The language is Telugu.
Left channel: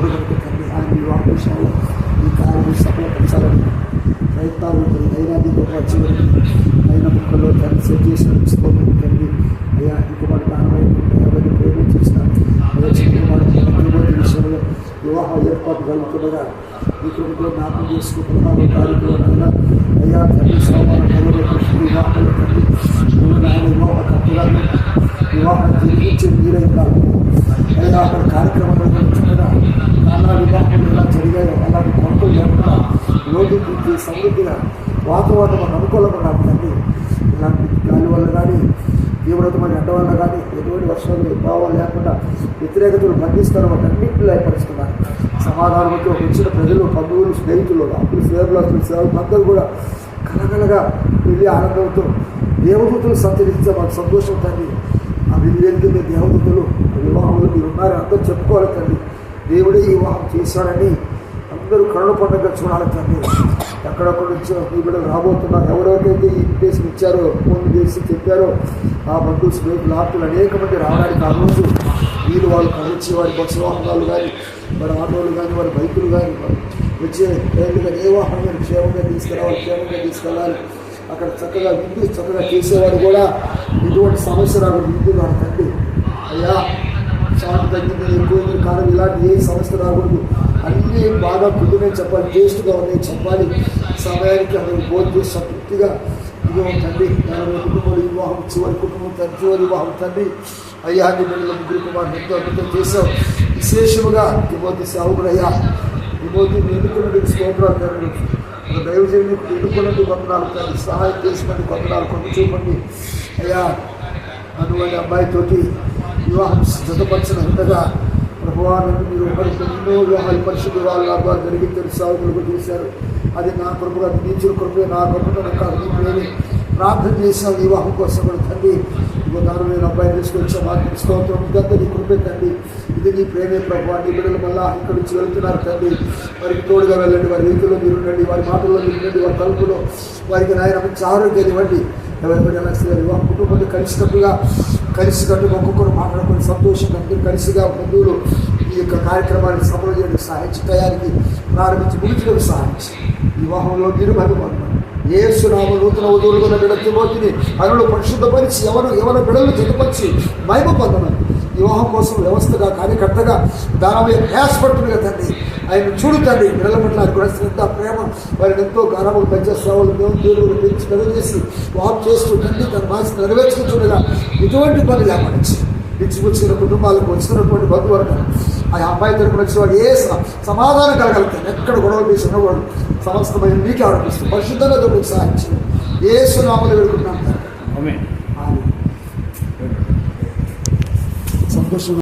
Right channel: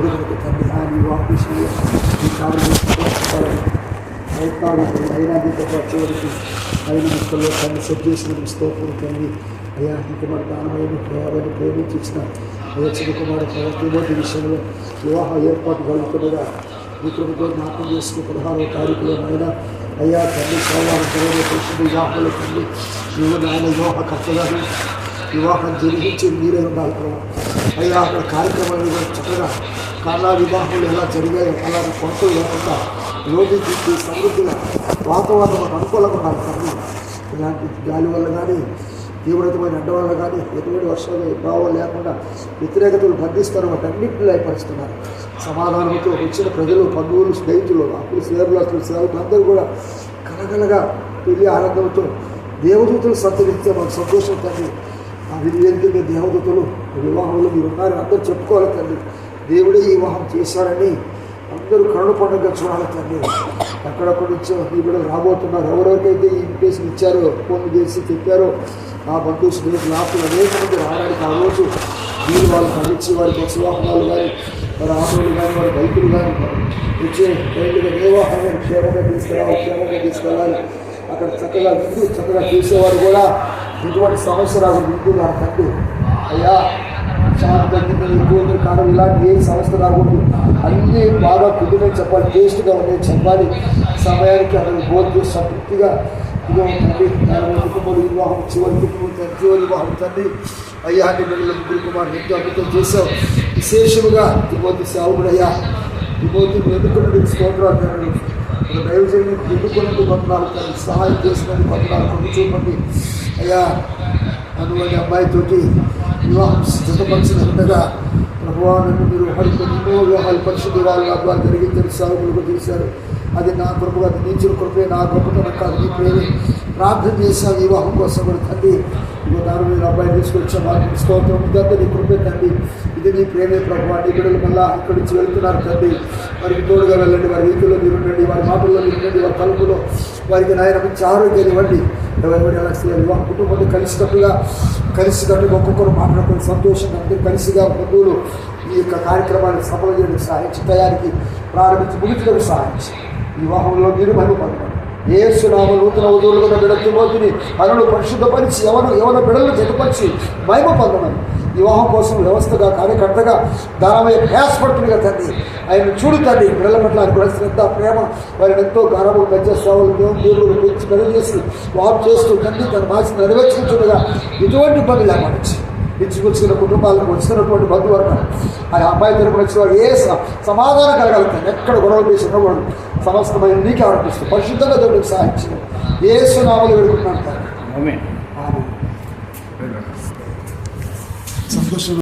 ఇప్పుడు కనుక తండ్రి ఆయన వివాహ విషయంలో ఈ కార్యం సఫలపడాలని ప్రయత్నాలు అయినా దీంతో చివరికి అయిన ముక్కల్లో తండ్రి సెట్ చేసిన స్తోత్రం తండ్రి అయ్యా ఈ కుమారు దానమైన ఎవరిని ప్రేమించి ఇస్తాను అయ్యా చిన్న కుమారు విషయంలో వివాహ ఏర్పాటు కలుగుతుండగా ఈ కృపలో జ్ఞాపకం చేసుకుని 16వ తారీఖులో నాయన అయ్యా తండ్రి సోమవారం వివాహాలు తండ్రి నువ్వు నాయన వివాహ కర్తగాను వివాహం జరిగించి మీరే ఉండాలి అయ్యా అక్కడ కార్యక్రమాలు చక్కగా కాలా వివాహాలు ఎలా జరిగాయో అలాంటి కొనుగోలు లేకుండా రోడ్డు తీసి సమృద్ధిగా వాతావరణం అనుకూలంగా ఉండాలి తండ్రి ఇలాంటి గాలి వల్ల కానీ తీవ్రతమైన ఎండ వల్ల కానీ ఎటువంటి వర్షాలు ప్రభావం లేకుండా వ్యతిరేకతలు బంధిస్తారు వాటన్నింటిలో ఏర్పరుస్తున్నారు సమాధానంతో వచ్చిన ప్రజలు బంధువులు స్నేహితులు అప్పులు సేవలు సేవకులందరూ కూడా కలగలగా వెళ్ళి ఆనందంతో దేవదూతలు సంతరిస్తే మాకు సంతోషం తండ్రి ఆ విధివేదిక మీద దేవదూతలు వివాహంలో మీరు ఉన్నారు అందరూ చెప్పుకోవాలి తండ్రి దేవుడే ఈ వివాహం చేశాడని అందరూ కరుణ పండుగ చూడాలి తండ్రి ఎక్కడెక్కడ నుంచో ఈ బిడ్డలు రాబోతున్నారు ఎవరెవరికైతే ఈ ఇన్విటేషన్ ఇచ్చారో ఫోన్లు చేసి చెప్పారో ఆ బంధువు స్నేహితులు ఆస్తులు అనేక మంది రావడానికి ఆ రోజు వీళ్ళు వాళ్ళు కలిసి వారి బస్సు వాహనాలు కానీ మరి ఆటోలు కానీ వారి బైకులు కానీ వచ్చే ట్రైన్లుగా ఏ వాహనం క్షేమంగా తీసుకెళ్ళాలి అక్కడ చక్కగా చేసేవాడు కూడా ఇటువంటి సమస్య రాకుండా నింపున్నారు తండ్రి అయ్యా చాలా తగ్గింది ఎక్కువ కాదు ఇలాంటి ఏ సమస్య రాకూడదు అన్నీ బాగా కుదిరని చెప్పాలి టేస్ట్గా ఉన్నాయి చెప్పాలి సమయానికి అతను భోజనం చేసి సంతృప్తిగా ఇదిగో తండ్రి కుటుంబంలో వివాహం చివరి కుటుంబం చివరి వివాహం తండ్రి అయ్యా నిన్న ముగ్గురు కుమారు ఎంతో అద్భుతం చేశావు విశేషముగా తిమోతి సేవకుడు అయ్యా తిమోతి ఎన్నుకున్నది స్తోత్రాలు తండ్రి ఒక దైవజన్ని ఎన్నుకున్నది కొంతనాలు తండ్రి సహాయం చేసినది కొంతనాలు కొంత చూపండి అయ్యా అనువని అబ్బాయితోటి వివాహం జతపరిచిన ఉండగా ప్రభువాన్ని మీరు ఎన్నో వివాహాలు పరిశుద్ధి వాళ్ళ ద్వారా జరిగి తెలుసాగులకు చేశారు అది నా కృపగా నీచుల కృపే నా గొప్పతనం కాదు నీ ప్రేమి ప్రార్థన చేసిన వివాహం కోసం కూడా తండ్రి ఇదిగో దాని మీద అబ్బాయిని తీసుకొచ్చా మార్పు స్తోత్రం ఇదంతా నీ కృపే తండ్రి ఇది నీ ప్రేమే ప్రభు నీ బిడ్డలు మళ్ళా ఇక్కడి నుంచి వెళ్తున్నారు తండ్రి వారికి తోడుగా వెళ్ళండి వారి వీధిలో మీరు ఉండండి వారి మాటల్లో మీరు ఉండండి వారి కలుపులో వారికి నాయన మంచి ఆరోగ్యాన్ని ఇవ్వండి ఎవరి ఎలా వివాహ కుటుంబాన్ని కలిసికట్టు ఒక్కొక్కరు మాట్లాడుకొని సంతోషంగా అందరూ కలిసిగా బంధువులు ఈ యొక్క కార్యక్రమాన్ని సఫలం చేయడానికి సహాయించి తయారీకి ప్రారంభించి ముగించడానికి సహాయించి వివాహంలో మీరు మహిమపడతారు యేసునామమున నూతన వధువులు ఉన్న బిడ్డ తిమోతిని ఆయనను పరిశుద్ధపరిచి ఎవరి బిడ్డలను జతపరిచి మహిమ పొందమని వివాహం కోసం వ్యవస్థగా కార్యకర్తగా దానమయ్య ప్రయాసపడుతుంది కదా తండ్రి ఆయన చూడు తండ్రి బిడ్డల పట్ల ఆయన శ్రద్ధ ప్రేమ వారిని ఎంతో గానములు మధ్య సేవలు దేవుడు పెంచి పెళ్లి చేసి వాపు చేస్తూ తండ్రి తన బాధ్యత నెరవేర్చుకుంటుండగా ఎటువంటి పని లేకపోవచ్చు ఇచ్చిపుచ్చుకున్న కుటుంబాలకు వచ్చినటువంటి బంధువర్గం ఆ అమ్మాయి తరపున వచ్చిన వాడు ఏ సమాధానం కలగలుగుతాను ఎక్కడ గొడవ చేసి ఉన్నవాడు సమస్తమైన నీకే ఆరోపిస్తుంది పరిశుద్ధంగా దొరికి సహాయించి యేసు నామములో వేడుకుంటున్నాను సంతోషం.